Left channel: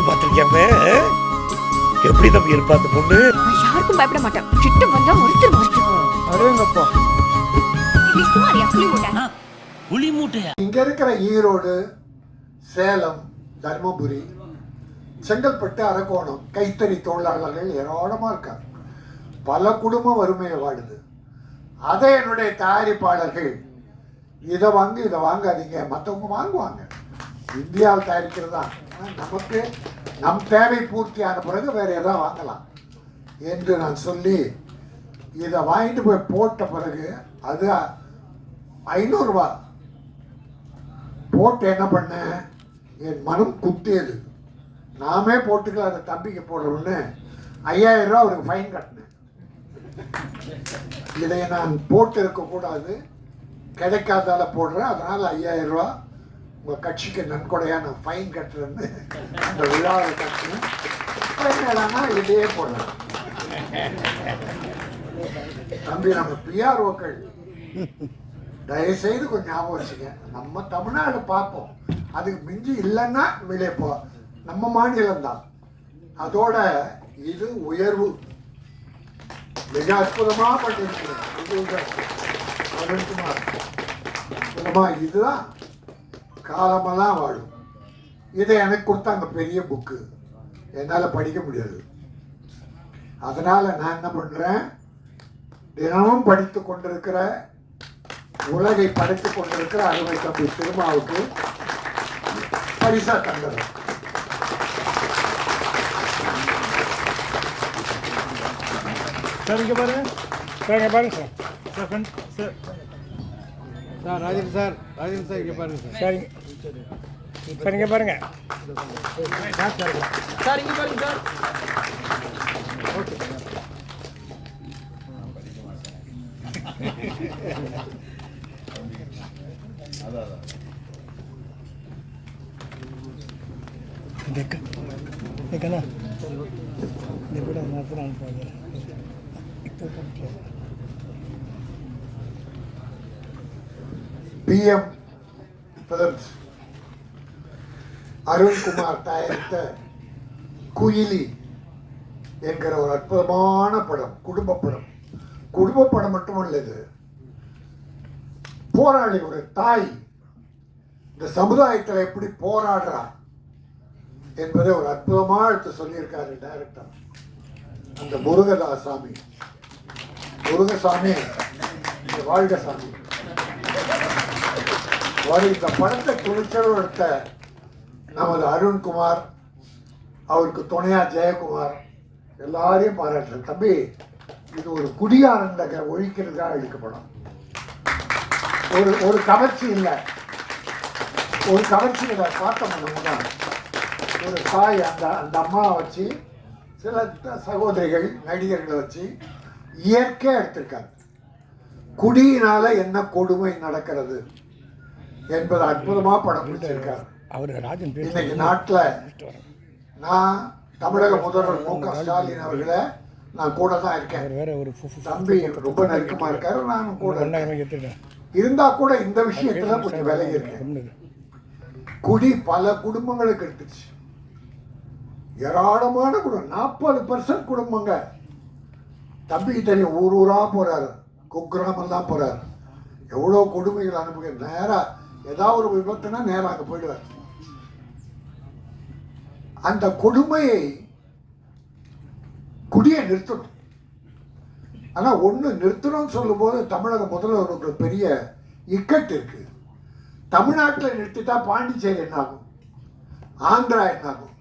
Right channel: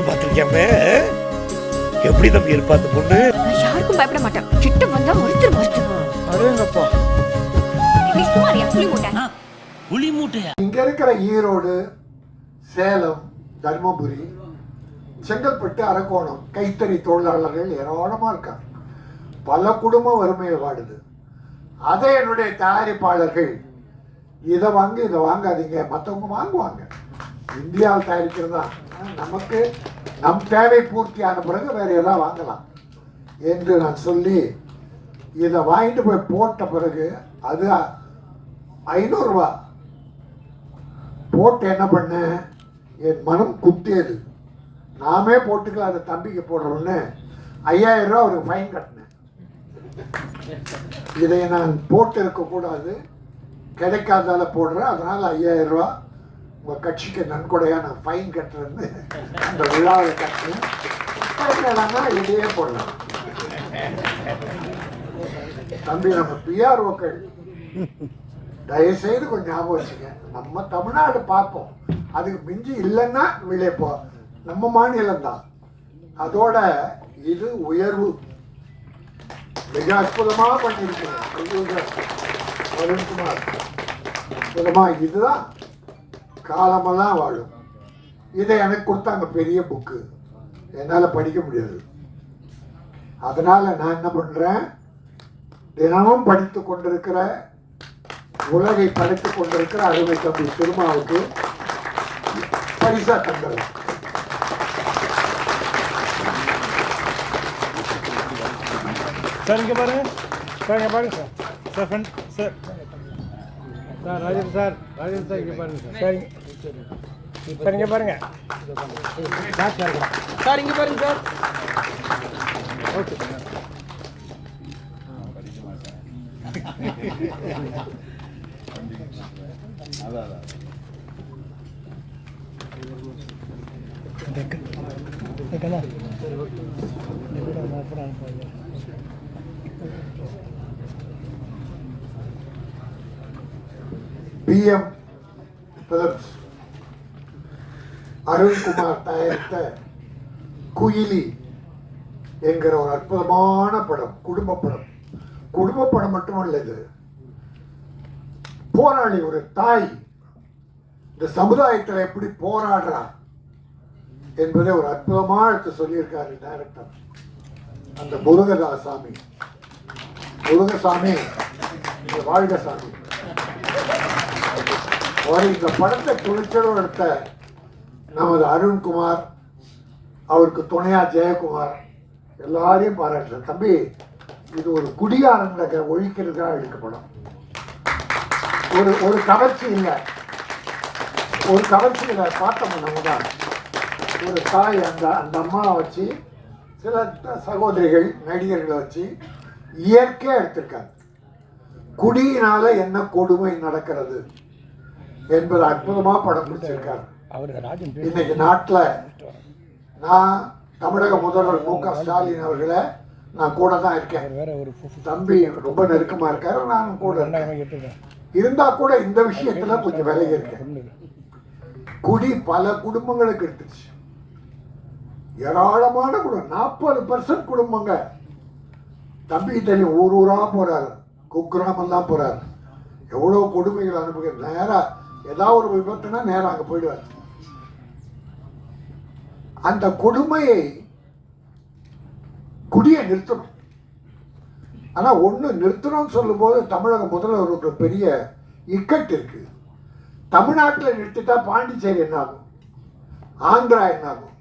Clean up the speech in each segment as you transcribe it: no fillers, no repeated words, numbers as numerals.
பொண்ணு பார்த்துருக்கியாம? எப்படி தம்பி இருப்பா அந்த பொண்ணு? நான் யாருக்கும் பயப்பட மாட்டேன். கிட்ட வந்தா மறுத்து. அடேங்கப்பா. நீ சும்மாரியா புலி மூட்டை. புலி மூட்டையா? இங்க இருக்கிற ஈரோடு, சேலம், தர்மபுரி, செங்கல்பட்டு, அரக்கோணம் கைத்தறி தொழிலாளர்கள் ஏராளமா இருக்காங்க. பல குடும்பம் வறுமையை வாடுது. அதை என்னுடைய தயாரிப்பாளர்கள் இதை வாங்கி இதை வாங்காதீங்க, மற்றவங்க வாங்குவாங்க, இந்தியாவில் தயாரிக்கிறது தான், நமக்கு நம் தேவை பூர்த்தியான பிறகு வேறு எதாவது வாங்கலாம் என்று நான் சொல்லி இதை வாங்கிட்டு போய் போட்ட பிறகு அது 500 ரூபா போட்டு என்ன பண்ணேன், என் மனம் குத்தியது. நாமே போட்டுக்கல, அதை தம்பிக்கு போடுறோன்னு 5000 ரூபா ஒரு ஃபைன் கட்டினேன். இதை நான் போட்டு இருக்கக்கூடாது, கிடைக்காதால போடுறேன், அதனால 5000 ரூபா உங்கள் கட்சிக்கு நன்கொடையா நான் ஃபைன் கட்டுறேன்னு அந்த விழாவை கட்டினேன். இதையே போடலாம் தம்பி. நம்ம பிஆர்ஓக்கள் தயவுசெய்து கொஞ்சம் ஞாபகம் வச்சுக்க, நம்ம தமிழ்நாடு பார்ப்போம், அதுக்கு மிஞ்சி இல்லைன்னா விளைப்போம், நம்ம மாநிலம்தான். அதோட இது உயர்வு மிக அற்புதமாக பண்ணியிருக்கிறேன். இதுதான் காலமெல்லாம் வாழும். இதை எனக்கு கொடுத்தாங்க, பெரிய புக்கு, என்னால் படிக்க முடியாது. அதனால நான் என்ன பண்றேன், தினமும் படித்து கொண்டிருக்கிற, உலகை படித்துக் கொண்டிருக்கிற அறிவு தம்பி திருமாவுக்கு பரிசா தந்துடுறேன். சார் இங்கே பாருங்க, சார் இங்கே பாருங்க sir, sir friend sir, sir Rajan sir, Rajan sir இங்கே பாருங்க சார், சார் சார் இங்கே பாருங்க சார், சார் இங்கே பாருங்க sir. Okay PM films Arunkumar தயாரித்த குயிலி என்கிற ஒரு அற்புதமான படம், குடும்ப படம். குடும்ப படம் மட்டுமல்ல, இது போராளி, ஒரு தாய் இந்த சமுதாயத்தில் எப்படி போராடுறா என்பதை ஒரு அற்புதமாக எடுத்து சொல்லியிருக்காரு டைரக்டர் அந்த முருகதாசாமி. முருகசாமி வாழ்கசாமி அவர் இந்த படத்தை துணிச்சலும் எடுத்த நமது அருண்குமார், அவருக்கு துணையா ஜெயக்குமார், எல்லாரையும் பாராட்டுறேன். தம்பி, இது ஒரு குடியாரங்களை ஒழிக்கிறதுக்காக இழுக்கப்படும், ஒரு கவர்ச்சி இல்லை, ஒரு கவர்ச்சி இல்லை. பார்த்தோம்னா ஒரு தாய் அந்த அம்மாவை வச்சு, சில சகோதரிகள் நடிகர்களை வச்சு இயற்கையாக எடுத்திருக்காங்க. குடியினால என்ன கொடுமை நடக்கிறது என்பது அற்புதமா படம் பிடிச்சிருக்காரு. இன்னைக்கு நாட்டில் நான் தமிழக முதல்வர் மு.க. ஸ்டாலின் அவர்களை நான் கூட தான் இருக்கேன். தம்பி ரொம்ப நெருக்கமா இருக்காரு, நானும் கூட இருந்தா கூட இந்த விஷயத்துல கொஞ்சம் விலகி இருக்கேன். குடி பல குடும்பங்களுக்கு எடுத்துச்சு, ஏராளமான குடும்பம், 40% குடும்பங்க. தம்பி தெரியும், ஊரா போறாரு, குக்கிராமெல்லாம் போறாரு, எவ்வளோ கொடுமைகள் அனுப்புகிறார். நேராக ஏதாவது ஒரு விபத்துனா நேராக அங்கே போயிடுவார். அந்த கொடுமையை குடியை நிறுத்தணும். ஆனால் ஒன்று நிறுத்தணும்னு சொல்லும்போது தமிழக முதல்வருக்கு பெரிய இக்கட்டு இருக்கு. தமிழ்நாட்டில் நிறுத்திட்டா பாண்டிச்சேரி என்ன ஆகும், ஆந்திரா என்ன ஆகும்?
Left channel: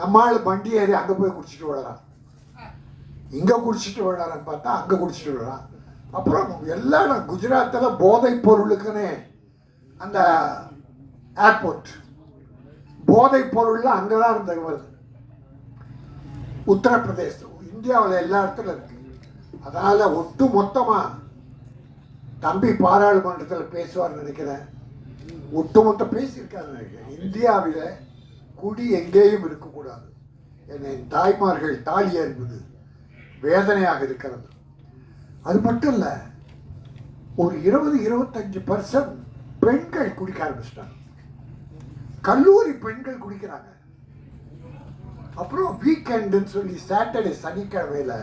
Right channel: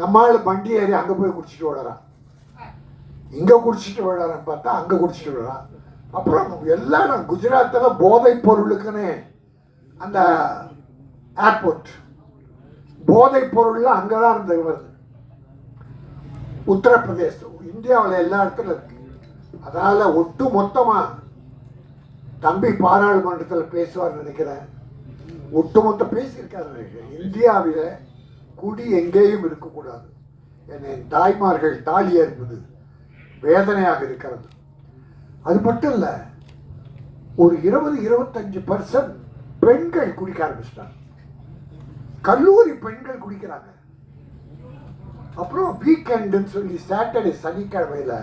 நம்மால் வண்டி ஏறி அங்கே போய் குடிச்சிட்டு விடறான், இங்கே குடிச்சிட்டு விடறான்னு பார்த்தா அங்கே குடிச்சிட்டு விடறான். அப்புறம் எல்லா குஜராத்தில் போதைப் பொருளுக்குன்னு அந்த ஏர்போர்ட், போதைப் பொருள்லாம் அங்கே தான் இருந்தது வருது. உத்தரப்பிரதேசம், இந்தியாவில் எல்லா இடத்துல இருக்கு. அதனால ஒட்டு மொத்தமாக தம்பி பாராளுமன்றத்தில் பேசுவார் நினைக்கிறேன், ஒட்டுமொத்த பேசியிருக்காரு நினைக்கிறேன். இந்தியாவில் குடி எங்கேயும் இருக்கக்கூடாது. என்னை தாய்மார்கள் தாலி அறுப்பது வேதனையாக இருக்கிறது. அது மட்டும் இல்லை, ஒரு 20-25% பெண்கள் குடிக்க ஆரம்பிச்சிட்டாங்க. கல்லூரி பெண்கள் குடிக்கிறாங்க. அப்புறம் வீக்கெண்டுன்னு சொல்லி சாட்டர்டே சனிக்கிழமையில்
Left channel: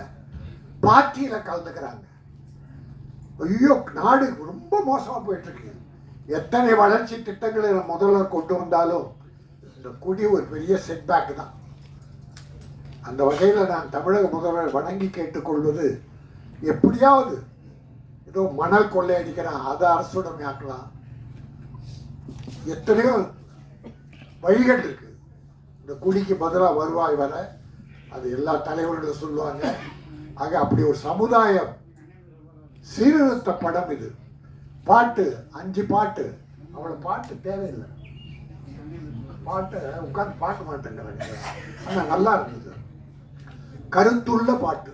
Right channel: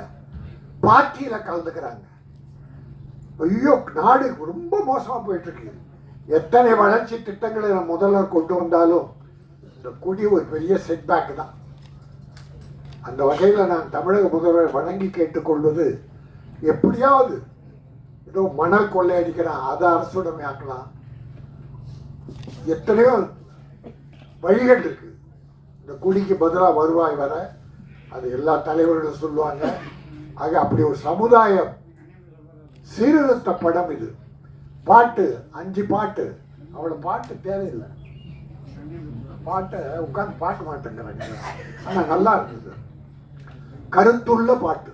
பார்ட்டியில் கலந்துக்கிறாங்க. ஐயோ, நாடு ரொம்ப மோசமாக போயிட்டுருக்கு. எத்தனை வளர்ச்சி திட்டங்களை நான் முதல்வர் கொண்டு வந்தாலும் இந்த கொடி ஒரு பெரிய செட்பேக் தான். அந்த வகையில் நான் தமிழக முதல்வர் வணங்கி கேட்டுக்கொள்வது, எப்படியாவது ஏதோ மணல் கொள்ளையடிக்கிறான், அதை அரசுடைமையாக்கலாம். எத்தனையோ வழிகள் இருக்கு. இந்த குடிக்கு பதிலாக வருவாய் வர அது எல்லா தலைவர்களும் சொல்லுவாங்க. ஆக அப்படி ஒரு சமுதாயம் சீர்திருத்த படம் இது. பாட்டு 5 பாட்டு, அவ்வளோ பாட்டு தேவையில்லை. பாட்டை உட்காந்து பார்க்க மாட்டேங்கிறாங்க, ஆனால் நல்லா இருந்தது. கருத்துள்ள பாட்டு,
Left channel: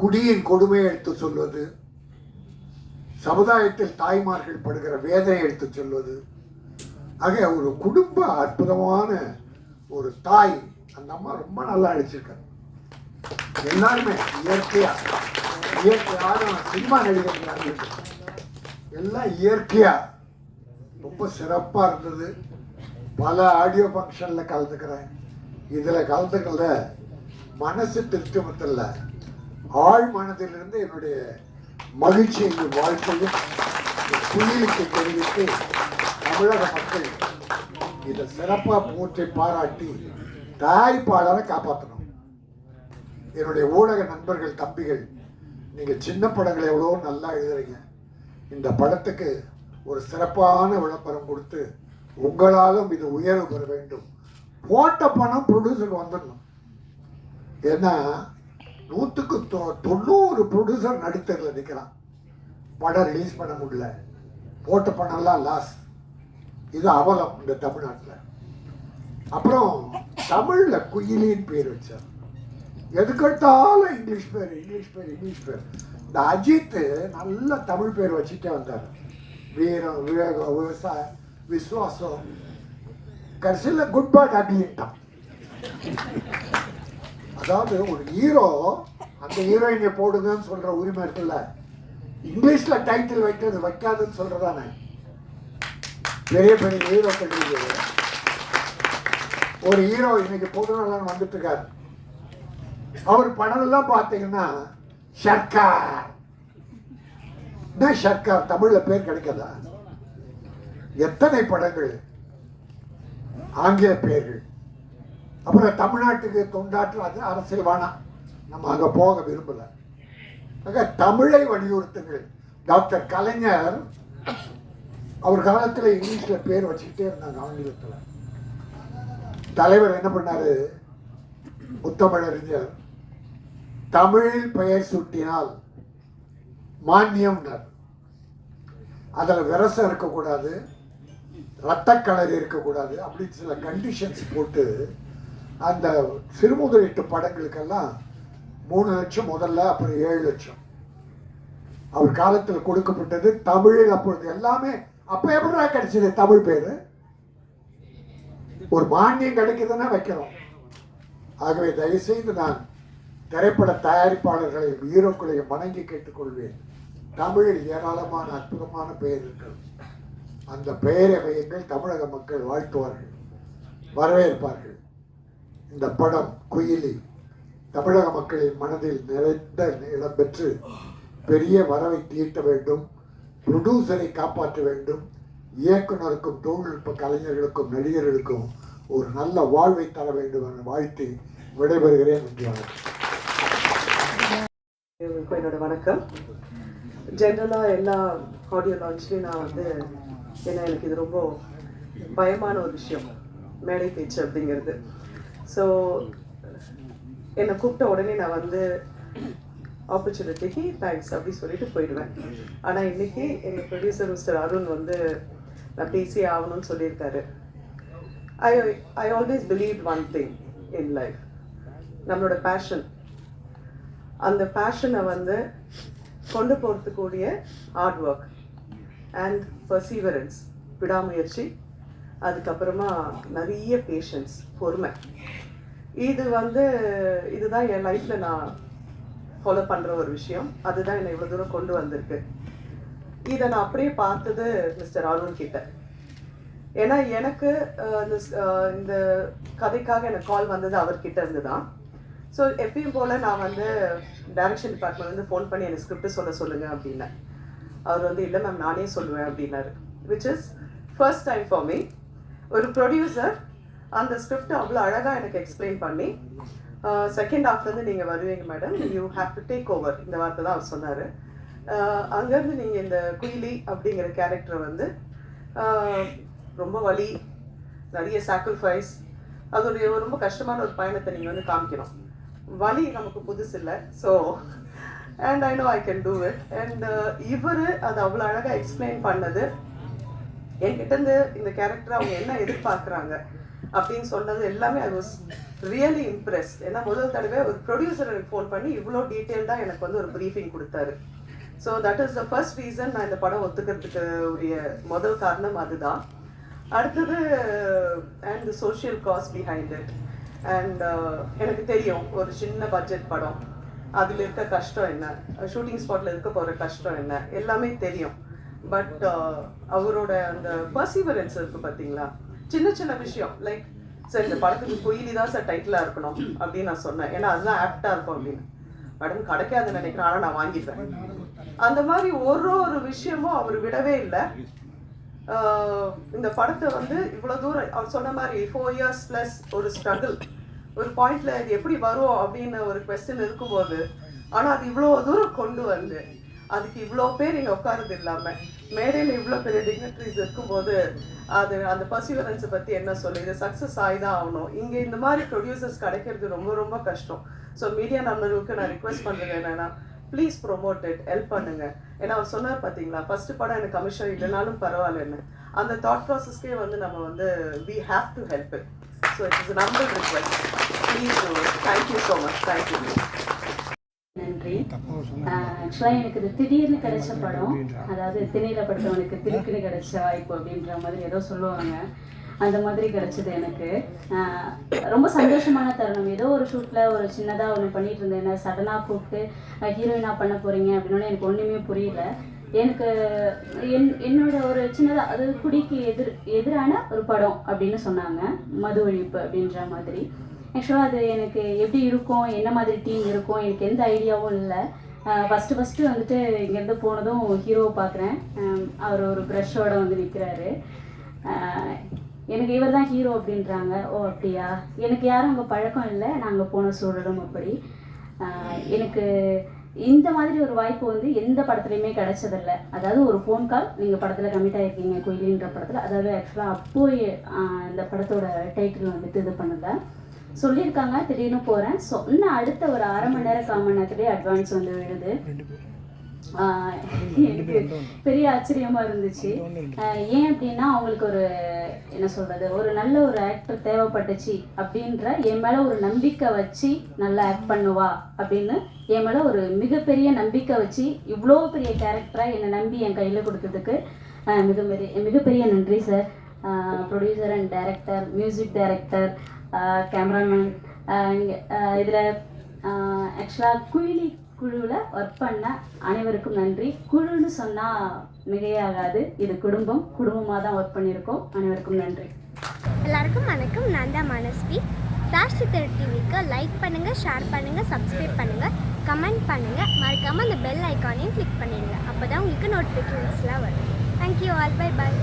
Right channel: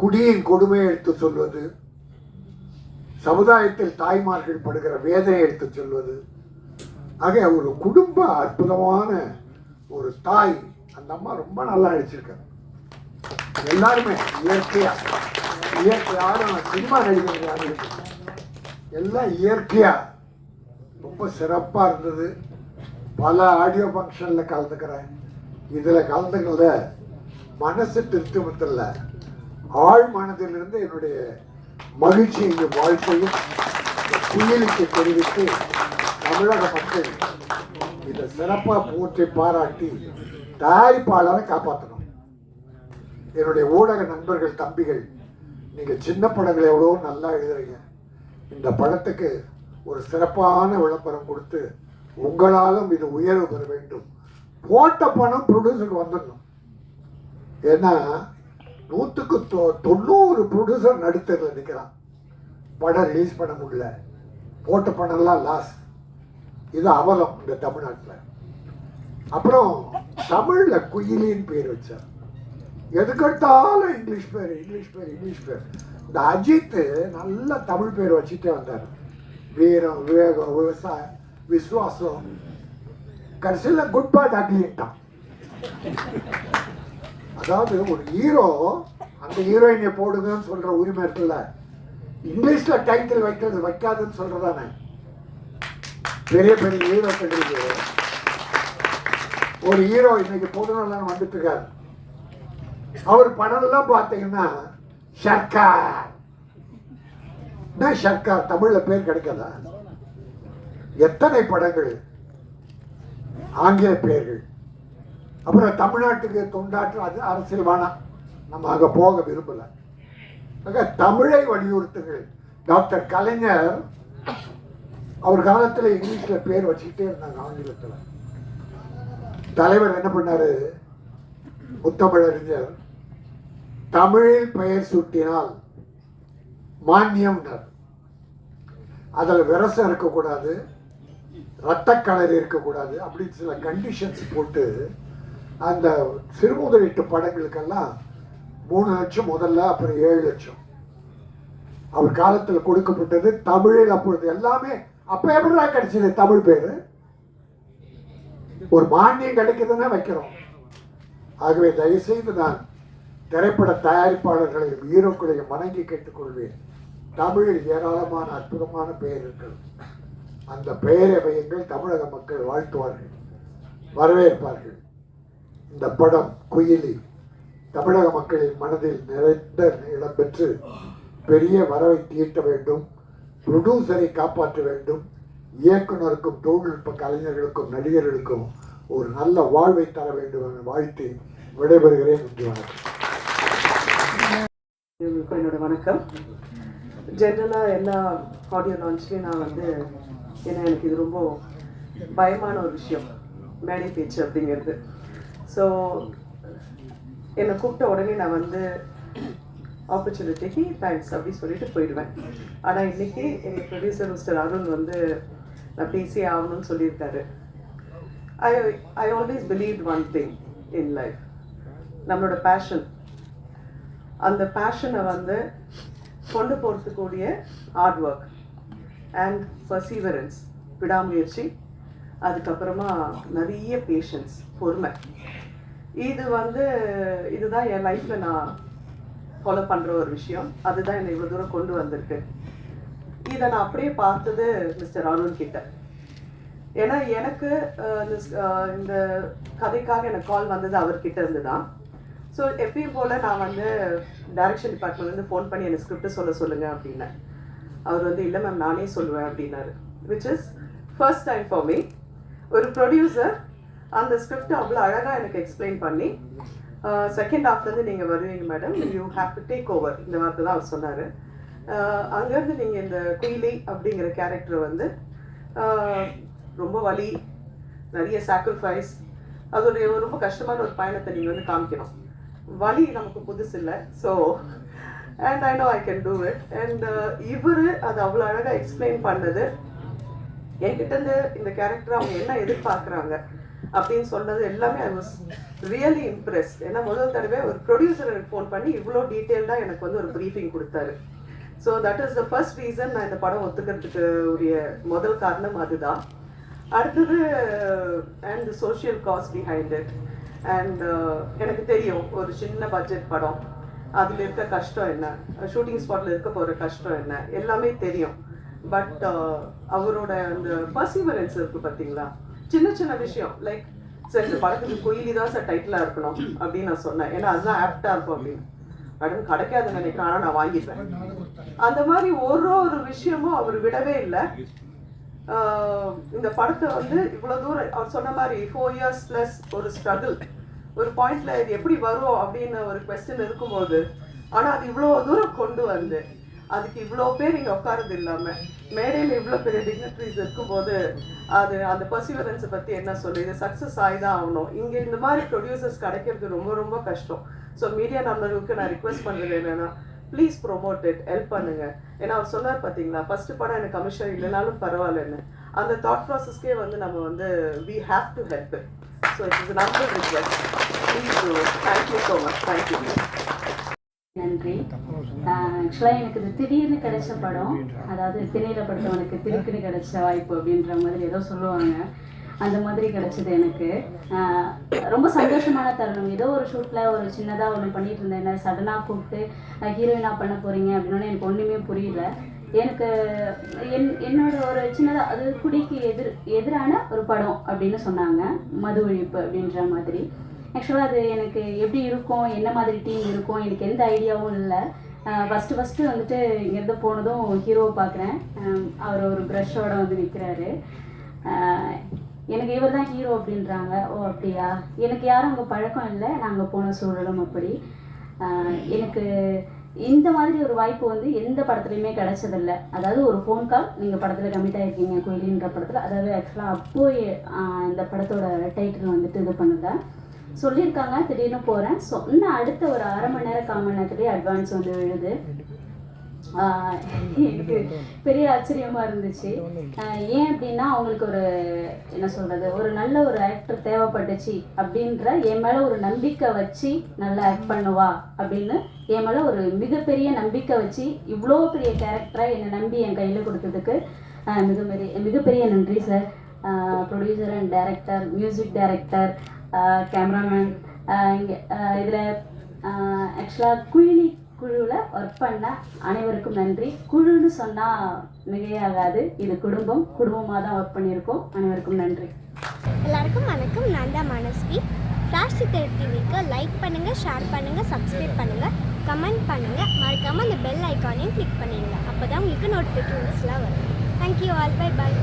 குடியின் கொடுமையை எடுத்து சொல்வது, சமுதாயத்தில் தாய்மார்கள் படுகிற வேதனை எடுத்து சொல்வது. ஆக ஒரு குடும்ப அற்புதமான ஒரு தாய். அந்த அம்மா ரொம்ப நல்லா அழைச்சிருக்காங்க. எல்லாருமே இயற்கையான சினிமா நடிகர்கள் எல்லாம் இயற்கையா ரொம்ப சிறப்பாக இருந்தது. பல ஆடியோ ஃபங்க்ஷனில் கலந்துக்கிறேன். இதில் கலந்துக்கிறத மனசு திருப்திமத்தில் ஆழ் மனதிலிருந்து என்னுடைய மகிழ்ச்சியையும் வாழ்க்கையும் குயிலுக்கு தெரிவித்து தமிழக மக்கள் இதை சிறப்பாக போற்றி பாராட்டி தயாரிப்பாளரை காப்பாற்றணும். என்னுடைய ஊடக நண்பர்கள், தம்பிகள், நீங்கள் சின்ன படங்கள் எவ்வளோ நல்லா எழுதுறீங்க. இந்த படத்துக்கு ஒரு சிறப்பான விளம்பரம் கொடுத்து உங்களாலும் இது உயர்வு பெற வேண்டும். போட்ட பணம் ப்ரொடியூசருக்கு வந்துடணும். ஏன்னா 100க்கு 90 ப்ரொடியூசர் நடுத்தரில் நிற்கிறான். படம் ரிலீஸ் பண்ண முடியல, போட்ட பணம்லாம் லாஸ். இது அவலம் இந்த தமிழ்நாட்டில். அப்புறம் தமிழில் குயிலின்னு பேர் வச்சார். எதுக்கெடுத்தாலும் இங்கிலீஷ் பேர். இந்த அஜித்து நல்ல தமிழ் பேர் வச்சுட்டே வந்தார். வீரம், விவேகம், விவசாயம், விசுவாசம். கடைசியில் குட் பேட் அக்லின்ட்டான். அதாவது ஒரு ஹீரோ அந்த ஹீரோயினை போடுங்கன்னு சொல்ற உரிமை இருக்குல்ல, இங்கிலீஷ்ல டைட்டில் வைக்காதுன்னு சொல்றதானே. பெரிய பெரிய ஹீரோக்கள் ஒரு ஹீரோ இன்னைக்கு பொதுநலன் வந்துட்டு இருக்காரு. அவர் படம் எல்லாம் பார்த்தீங்கன்னா சர்க்கார். என்ன சர்க்கார் தமிழ்ல பேர் கிடைக்காதா? எத்தனை படங்கள் ஆங்கில பெயர்கள். அப்புறம் தமிழ்நாட்டுக்கு தொண்டாற்று அது அரசியல் வேணாம், நம்ம அங்கே போக விரும்பல. ஆக தமிழை வலியுறுத்துங்கள். டாக்டர் கலைஞர் அவர் காலத்தில் இங்கிலீஷில் பேர் வச்சுக்கிட்டே இருந்தாங்க. ஆங்கிலத்தில் தலைவர் என்ன பண்ணாரு, முத்தமிழறிஞர், தமிழில் பெயர் சூட்டினால் மானியம்னார். அதில் விரசம் இருக்கக்கூடாது, இரத்தக்கலரி இருக்கக்கூடாது, அப்படின்னு சில கண்டிஷன்ஸ் போட்டு அந்த சிறுமுதலீட்டு படங்களுக்கெல்லாம் 3 லட்சம் முதல்ல, அப்புறம் 7 லட்சம் அவர் காலத்தில் கொடுக்கப்பட்டது. தமிழில் அப்பொழுது எல்லாமே அப்ப எப்படா கிடைச்சது தமிழ் பேரு? ஒரு மானியம் கிடைக்குதுன்னா வைக்கிறோம். ஆகவே தயவுசெய்து நான் திரைப்பட தயாரிப்பாளர்களை, ஹீரோக்களையும் வணங்கி கேட்டுக்கொள்வேன். தமிழில் ஏராளமான அற்புதமான பெயர்கள். அந்த பெயரை வையுங்கள். தமிழக மக்கள் வாழ்த்துவார்கள், வரவேற்பார்கள். இந்த படம் குயிலி தமிழக மக்களின் மனதில் நிறைந்த இடம்பெற்று பெரிய வரவை தீட்ட வேண்டும். ப்ரொடியூசரை காப்பாற்ற வேண்டும். இயக்குனருக்கும் தொழில்நுட்ப கலைஞர்களுக்கும் நடிகர்களுக்கும் ஒரு நல்ல வாழ்வை தர வேண்டும் என வாழ்த்தி விடைபெறுகிறேன். என்னோட வணக்கம். ஜென்ரலாக எல்லா ஆடியோ லான்ச்லேயும் நான் ஏன்னா எனக்கு இது ரொம்ப பயமான ஒரு விஷயம், மேடை பேச்சு அப்படிங்கிறது. ஸோ என்னை கூப்பிட்ட உடனே நான் ஆப்பர்ச்சுனிட்டிக்கு தேங்க்ஸ் அப்படி சொல்லிட்டு போயிடுவேன். ஆனால் இன்னைக்கு எங்கள் ப்ரொடியூசர் மிஸ்டர் அருண் நான் பேசியே ஆகணும்னு சொல்லியிருக்காரு. I always believe one thing in life, நம்மளோட பேஷன், அந்த பேஷனை கொண்டு போகிறதுக்கூடிய ஹார்ட் ஒர்க் அண்ட் பர்சீவரன்ஸ், விடாமுயற்சி, அதுக்கப்புறமா நிறைய பேஷன்ஸ், பொறுமை. இதுதான் என் லைஃப்பில் நான் ஃபாலோ பண்ணுற ஒரு விஷயம். அதுதான் என்னை இவ்வளோ தூரம் கொண்டு வந்திருக்கு. இதை நான் அப்படியே பார்த்தது மிஸ்டர் அருண் கிட்ட. ஏன்னா எனக்கு இந்த கதைக்காக எனக்கு கால் வந்தது அவர்கிட்ட இருந்து தான். ஸோ எப்பயும் போல் நான் வந்து டைரக்ஷன் டிபார்ட்மெண்ட்லேருந்து ஃபோன் பண்ணி எனக்கு ஸ்கிரிப்ட் சொல்லுங்கள் அப்படின்னேன். அவர் வந்து இல்லை மேம் நானே சொல்லுவேன் அப்படின்னாரு. Which is first time for me. ஒரு ப்ரொடியூசர் அந்த ஸ்கிரிப்ட் அவ்வளோ அழகாக எனக்கு எக்ஸ்பிளைன் பண்ணி செகண்ட் ஹாஃப்லேருந்து நீங்கள் வருவீங்க madam, you have to take over, இந்த வார்த்தை தான் அவர் சொன்னார். அங்கேருந்து நீங்கள் இந்த குயிலி அப்படிங்கிற கேரக்டர் வந்து ரொம்ப வலி, நிறைய சாக்ரிஃபைஸ், அதோடைய ரொம்ப கஷ்டமான ஒரு பயணத்தை நீங்கள் வந்து காமிக்கணும். வலி நமக்கு புதுசு இல்லை. So and I know I can do it. And இவர் அது அவ்வளோ அழகாக எக்ஸ்பிளைன் பண்ணது, என்கிட்டேருந்து இந்த கேரக்டர் அவங்க என்ன எதிர்பார்க்குறாங்க அப்படின்னு சொன்னது எல்லாமே ஐ வாஸ் ரியலி இம்ப்ரெஸ்ட். ஏன்னா முதல் தடவை ஒரு ப்ரொடியூசர் எனக்கு ஃபோன் பண்ணி இவ்வளோ டீட்டெயில்டாக எனக்கு வந்து ஒரு ப்ரீஃபிங் கொடுத்தாரு. So that is the first reason நான் இந்த படம் ஒத்துக்கிறதுக்கு உரிய முதல் காரணம் அதுதான். அடுத்தது and social cost behind it. And எனக்கு தெரியும் ஒரு சின்ன பட்ஜெட் படம், அதில் இருக்க கஷ்டம் என்ன, ஷூட்டிங் ஸ்பாட்டில் இருக்க போகிற கஷ்டம் என்ன, எல்லாமே தெரியும். பட் அவரோட அந்த பர்சீவரன்ஸ் இருக்குது பார்த்தீங்களா, சின்ன சின்ன விஷயம் லைக் சார் இந்த படத்துக்கு குயிலி தான் சார் டைட்டிலாக இருக்கணும் அப்படின்னு நான் சொன்னேன். ஏன்னா அதுதான் ஆப்டாக இருக்கும் அப்படின்னு. படம் கிடைக்காதுன்னு நினைக்கிறேன், ஆனால் நான் வாங்கிப்பேன். அந்த மாதிரி ஒரு விஷயமும் அவர் விடவே இல்லை. இந்த படத்தை வந்து இவ்வளோ தூரம் அவர் சொன்ன மாதிரி 4 years ப்ளஸ் ஒரு ஸ்ட்ரகிள், ஒரு பாயிண்ட்ல இது எப்படி வரும் அப்படின்னு ஒரு கொஸ்டின் இருக்கும்போது, ஆனால் அது இவ்வளோ தூரம் கொண்டு வந்து அதுக்கு இவ்வளோ பேர் இங்கே உட்காரது இல்லாமல் மேடையில் இவ்வளோ பெரிய டிக்னிட்டரிஸ் இருக்கும்போது அது அந்த பர்சிவரன்ஸை பற்றி என்ன சொல்லு, இது சக்ஸஸ் ஆகி தான் ஆகணும். இங்கே இந்த மாதிரி ப்ரொடியூசர்ஸ் கிடைக்கிறது ரொம்ப ரொம்ப கஷ்டம். ஸோ மீடியா நண்பர்களுக்கு நான் ரிக்வெஸ்ட் பண்ணுறது என்னென்னா, ப்ளீஸ் ப்ரொமோட் இட், ஹெல்ப் பண்ணுங்க. ஏன்னா அவர் சொன்னார் பார்த்தீங்களா, ஃபர்ஸ்ட் படம் எனக்கு கமிஷன் இல்லைனாலும் பரவாயில்லன்னு. அந்த தாட் ப்ராசஸ்க்கே வந்து நம்ம வந்து we have to help it. So it is number request. Please thank you so much. Thank you. நன்றி. ஆக்சுவலாக எனக்கு இது திடீர்னு கிடைச்ச படம், அதாவது திரையில படுத்தவனுக்கு திருக்குன்னு கிடைச்ச வாய்ப்பு அப்படின்ற மாதிரி ஏதோ சொல்லுவாங்க, அந்த மாதிரி கிடைச்சது எனக்கு. ரொம்ப சந்தோஷமான தருணம். ஏதோ ஒரு ஷூட்டில் ஒரு சின்னதாக ஒன்று பண்ணிட்டு இருந்தேன், என்ன சடனாக கூப்பிட்டு ஹீரோயினாக பண்ண போகிறீங்க அப்படின்னா எனக்கு ஒன்றுமே புரியல. எனக்கு என்னோட ஒரு சின்னதாக அது குடிக்கு எதிரான ஒரு படம் அப்படின்னு சொன்னாங்க, மது ஒழிப்பு அப்படின்ற மாதிரி. ஆக்சுவலாக அது எனக்கு எப்படி இருக்கும், என்ன மாதிரி டீம் இருக்கும், எனக்கு எந்த ஐடியாவும் இல்லை. ஃபஸ்ட்டு வந்துட்டு இங்கேருந்து போனதும் ஹீரோவை பார்க்குறேன். அவர் ஒரு ப்ரஷ்ஷோடு வந்து நிற்கிறாரு. எனக்கு இவர் தான் ஹீரோ அப்படின்றாங்க. ஓ அப்படியா, எனக்கு யாரும் அங்கே பழக்கம் இல்லை, நாங்கள் போன சூழலும் அப்படி. எனக்கு இந்த மாதிரி ஒரு வாய்ப்பு வந்து எந்த படத்துலையுமே கிடைச்சதில்லை. அதாவது ஒரு ஃபோன் கால், நீங்கள் படத்தில் கமிட் ஆகிருக்கீங்க குயிலின்ற படத்தில், அதாவது ஆக்சுவலாக அப்போது இந்த படத்தோட டைட்டில் வந்துட்டு இது பண்ணுறேன் சொல்லியிருக்காங்க. திடீர்னு போகிறேன். ஸோ இன்னும் அடுத்த ஒரு 1/2 மணி நேரம் 1/4 மணி நேரத்துலேயே அட்வான்ஸ் வந்து விழுது. எனக்கு பெரிய ஆச்சரியமாக இருந்துச்சு. ஏன் அப்படின்னா அவங்களுக்கு ஒரு என்ன சொல்கிறது, ஒரு நல்ல ஒரு ஆக்டர் தேவைப்பட்டுச்சு அப்படின்ற என் மேலே ஒரு நம்பிக்கை வச்சு நல்லா ஆக்ட் பண்ணுவா அப்படின்னு என் மேலே ஒரு மிகப்பெரிய நம்பிக்கை வச்சு இவ்வளோ பெரிய கேரக்டராக என்னை நம்பி என் கையில் கொடுத்ததுக்கு மிகப்பெரிய நன்றி sir. Producer and director, music director, cameraman, இதில் ஆக்சுவலாக குயிலி குழுவில் ஒர்க் பண்ண அனைவருக்கும் நன்றி. குழுன்னு சொன்னால் மிகையாகாது, இது குடும்பமாக தான் ஒர்க் பண்ணியிருக்கோம். அனைவருக்கும் நன்றி. எல்லாருக்கும் வணக்கம். நான் தான் மனஸ்வி. சாஷ்டி திரு டிவிக்கு லைக் பண்ணுங்கள், ஷேர் பண்ணுங்கள், சப்ஸ்கிரைப் பண்ணுங்கள், கமெண்ட் பண்ணுங்கள், மறக்காமல் அந்த பெல் ஐக்கானையும் கிளிக் பண்ணிடுங்க. அப்போ தான் உங்களுக்கு நோட்டிஃபிகேஷன்ஸ்லாம் வரும். Thank you all. Bye bye.